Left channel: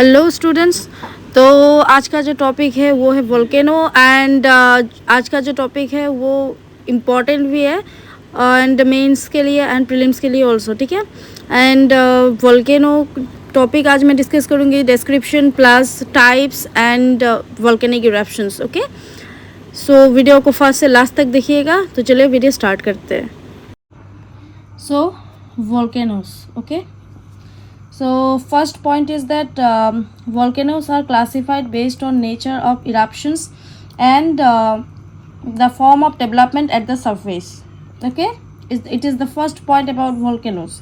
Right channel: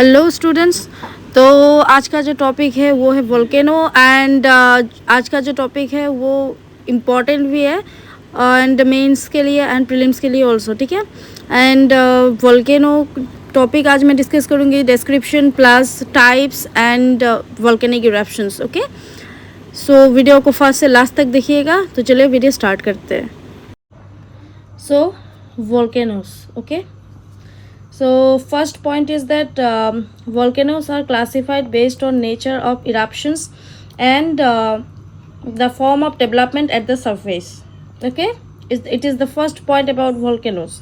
Hello students. तो आज का जो टॉपिक है वो है वोल्केनो एंड आज का जो टॉपिक है वो इम्पॉर्टेंट भी है एंड मेंस के लिए एंड प्रीलिम्स के लिए ऑल्सो, ठीक है। एंड वोल्केनो टॉपिक आज मैं डिस्कस करूँगी, description plus types and volcanic eruptions. Okay, so video को फर्स्ट से लास्ट तक देखिएगा। तो चलिए वीडियो स्टार्ट करते हैं। So volcanoes, okay. So first point is that volcanoes are classified based on nature of eruptions and the form of development at the surface. Okay, it is the first point about volcanoes.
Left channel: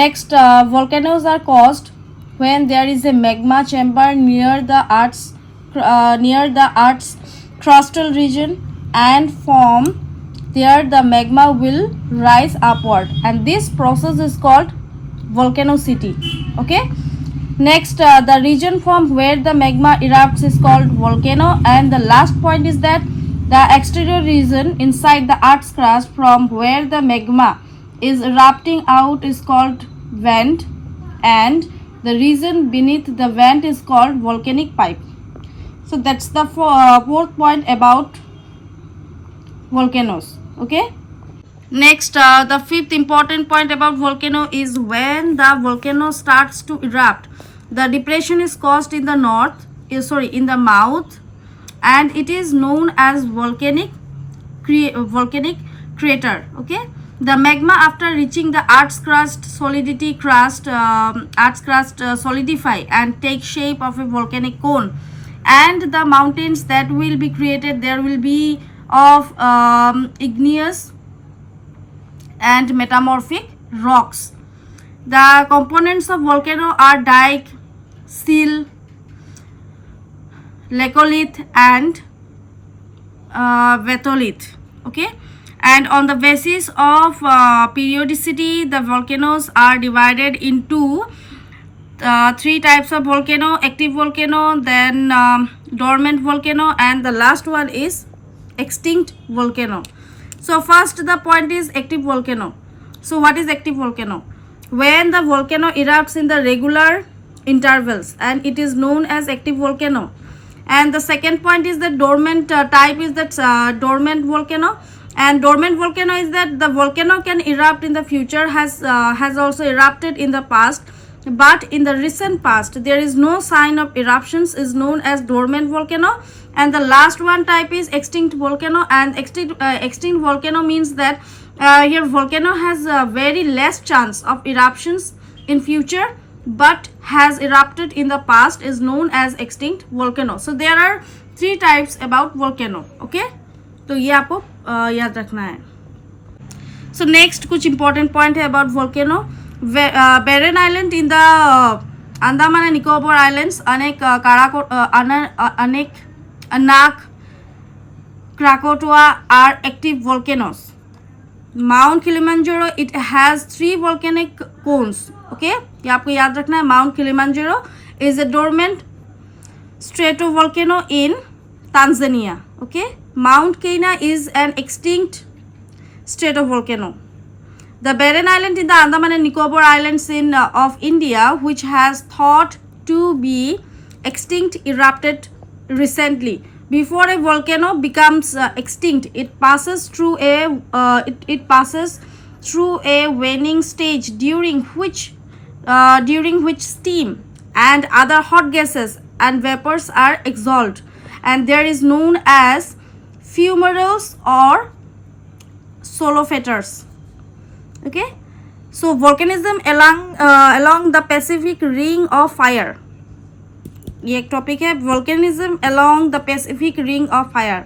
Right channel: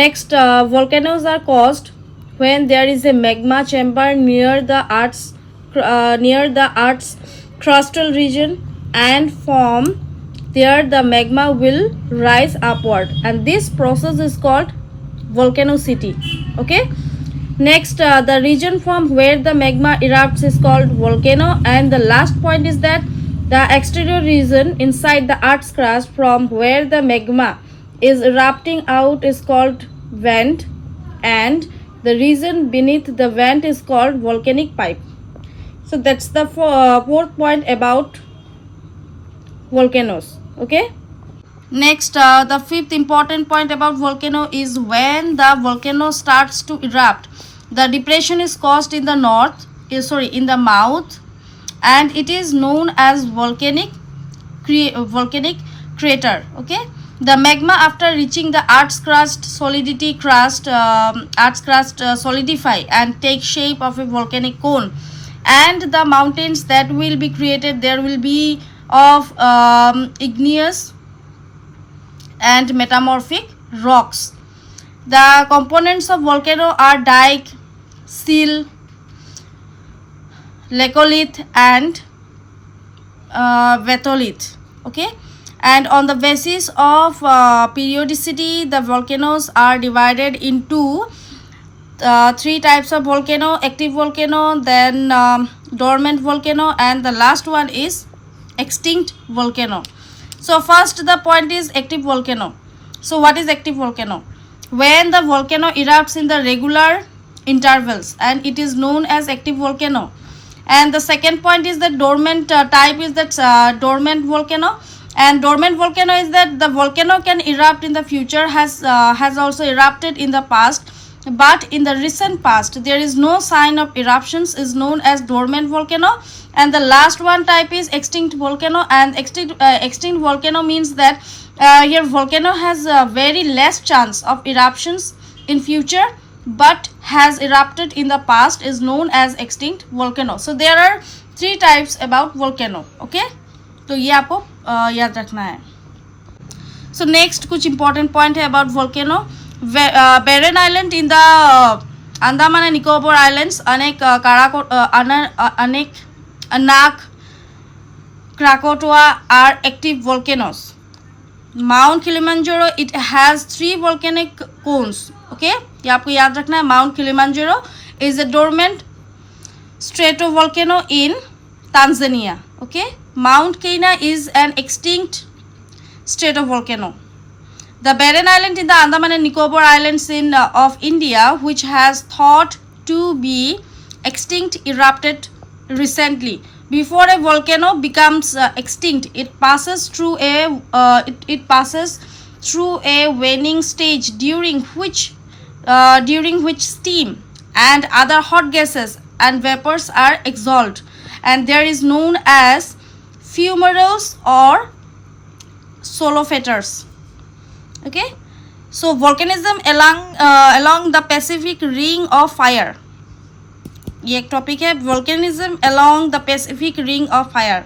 Next, volcanoes are caused when there is a magma chamber near the Earth's crustal region, and from there the magma will rise upward, and this process is called volcanicity. Okay, next, the region from where the magma erupts is called volcano, and the last point is that the exterior region inside the earth's crust from where the magma is erupting out is called vent, and the region beneath the vent is called volcanic pipe. So that's the fourth point about volcanoes. Okay, next, the fifth important point about volcano is when the volcano starts to erupt, the depression is caused in the in the mouth, and it is known as volcanic crater. Okay, the magma after reaching the earth's crust solidify and take shape of a volcanic cone, and the mountains that will be created there will be of igneous and metamorphic rocks. The components of volcano are dike, seal, laccolith and batholith. Okay, and on the basis of periodicity, the volcanoes are divided into three types of volcano: active volcano, then dormant volcano, and the last one is extinct volcano. So first the point is active volcano. So what is active volcano? When the volcano erupts in the regular intervals, and it is known as active volcano. And the second point is that dormant type is that dormant volcano. And dormant volcano is that the volcano can erupt in the future, has also erupted in the past, but in the recent past there is no sign of eruptions, is known as dormant volcano. And the last one type is extinct volcano, and extinct volcano means that here volcano has a very less chance of eruptions in future but has erupted in the past, is known as extinct volcano. So there are three types about volcano. Okay, तो ये आपको याद रखना है. So next कुछ important point है about volcano. Barren Island in the Andaman and Nicobar Islands, Anak, Krakatoa are active volcanoes. Mount Kilimanjaro, it has 3 volcanic cones. Okay, ये आपको याद रखना है. Mount Kilimanjaro is a dormant stratovolcano in Tanzania. Okay, Mount Kenya is an extinct stratovolcano. The barren island in the Andaman and Nicobar Islands of India, which has thought to be extinct, erupted recently. Before a volcano becomes extinct, it passes through a waning stage during which steam and other hot gases and vapors are exhaled, and there is known as fumaroles or solophators. Okay, so volcanism along the Pacific Ring of Fire. ये एक topic है, volcanism along the Pacific Ring of Fire.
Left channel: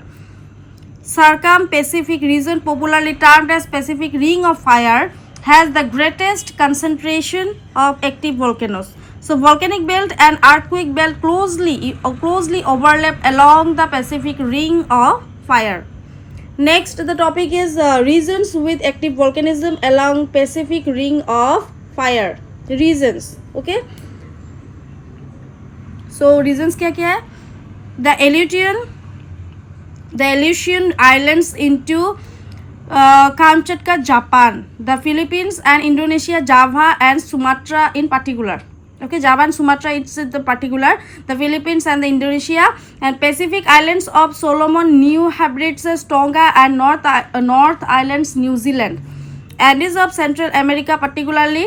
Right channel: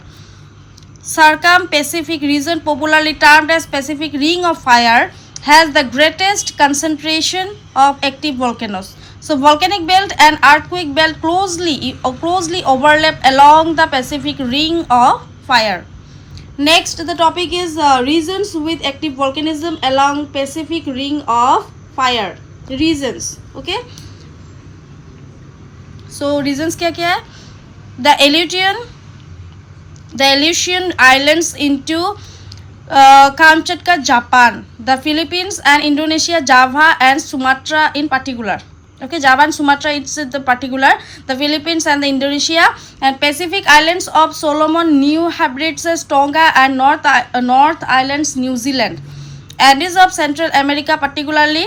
Circum-Pacific region, popularly termed as Pacific Ring of Fire, has the greatest concentration of active volcanoes. So volcanic belt and earthquake belt closely overlap along the Pacific Ring of Fire. Next, the topic is regions with active volcanism along Pacific Ring of Fire. Regions. Okay. So regions क्या क्या है? The Aleutian Islands into Kamchatka, Japan, the Philippines and Indonesia, Java and Sumatra in particular. Okay, Java and Sumatra, it's the particular, the Philippines and the Indonesia, and Pacific Islands of Solomon, New Hebrides, Tonga, and North Islands, New Zealand. Andes of Central America, particularly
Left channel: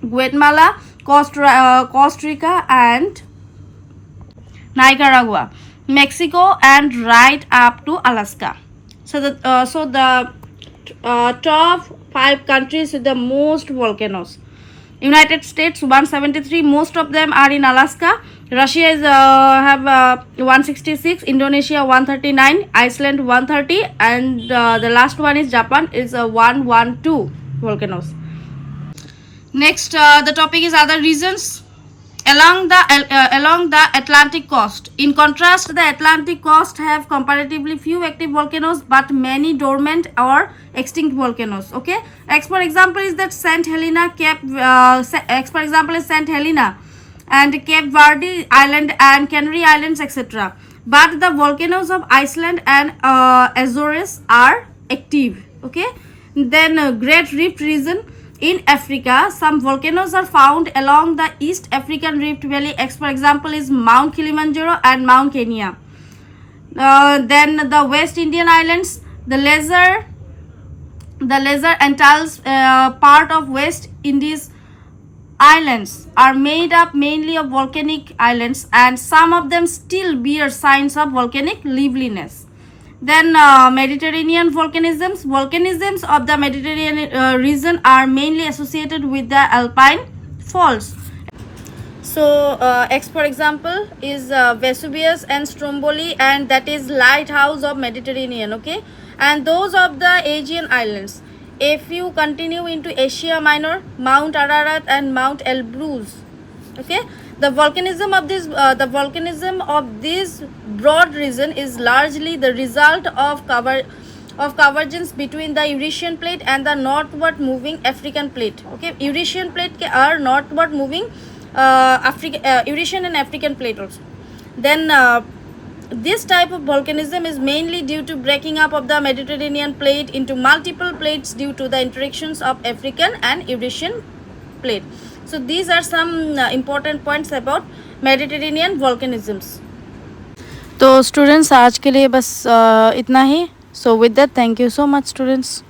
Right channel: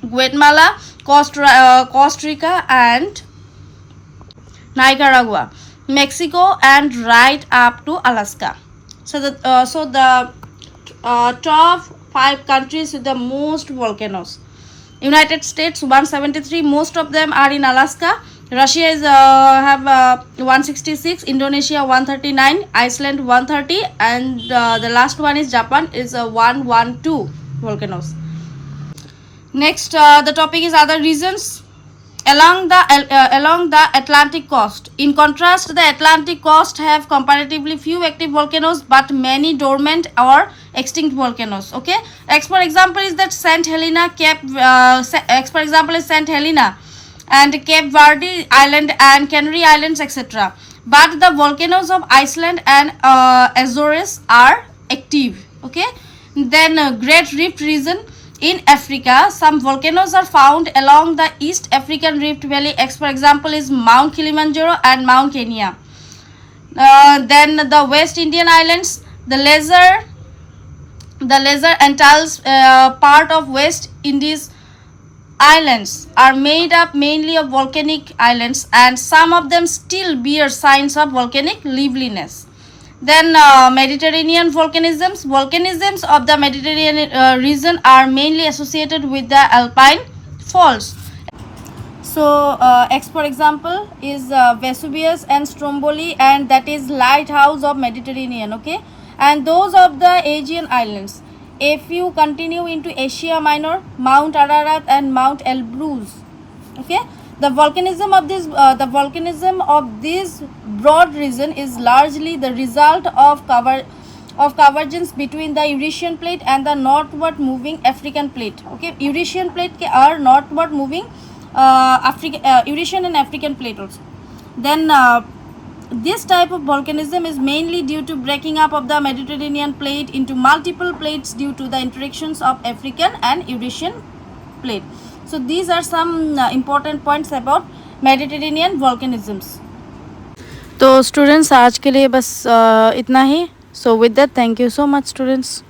Guatemala, Costa Rica, and Nicaragua, Mexico, and right up to Alaska. So the top 5 countries with the most volcanoes. United States 173, most of them are in Alaska. Russia is have 166, Indonesia 139, Iceland 130, and the last one is Japan is 112 volcanoes. Next, the topic is other regions along the Atlantic coast. In contrast, the Atlantic coast have comparatively few active volcanoes but many dormant or extinct volcanoes. Okay, for example is that Saint Helena, for example is Saint Helena and Cape Verde Island and Canary Islands, etc. But the volcanoes of Iceland and Azores are active. Okay, then Great Rift region. In Africa, some volcanoes are found along the East African Rift Valley. For example is Mount Kilimanjaro and Mount Kenya. Then the West Indian Islands, the Lesser Antilles, part of West Indies islands are made up mainly of volcanic islands, and some of them still bear signs of volcanic liveliness. Then Mediterranean volcanisms. Volcanisms of the Mediterranean region are mainly associated with the alpine faults. So for example is Vesuvius and Stromboli, and that is lighthouse of Mediterranean. Okay, and those of the Aegean islands. If you continue into Asia Minor, Mount Ararat and Mount Elbrus. Okay, the volcanism of this broad region is largely the result of convergence between the Eurasian plate and the northward moving African plate. Okay, Eurasian plate are northward moving Eurasian and African plate also. Then this type of volcanism is mainly due to breaking up of the Mediterranean plate into multiple plates due to the interactions of African and Eurasian plate. So these are some important points about Mediterranean volcanisms. तो students आज के लिए बस इतना ही. So with that, thank you so much students.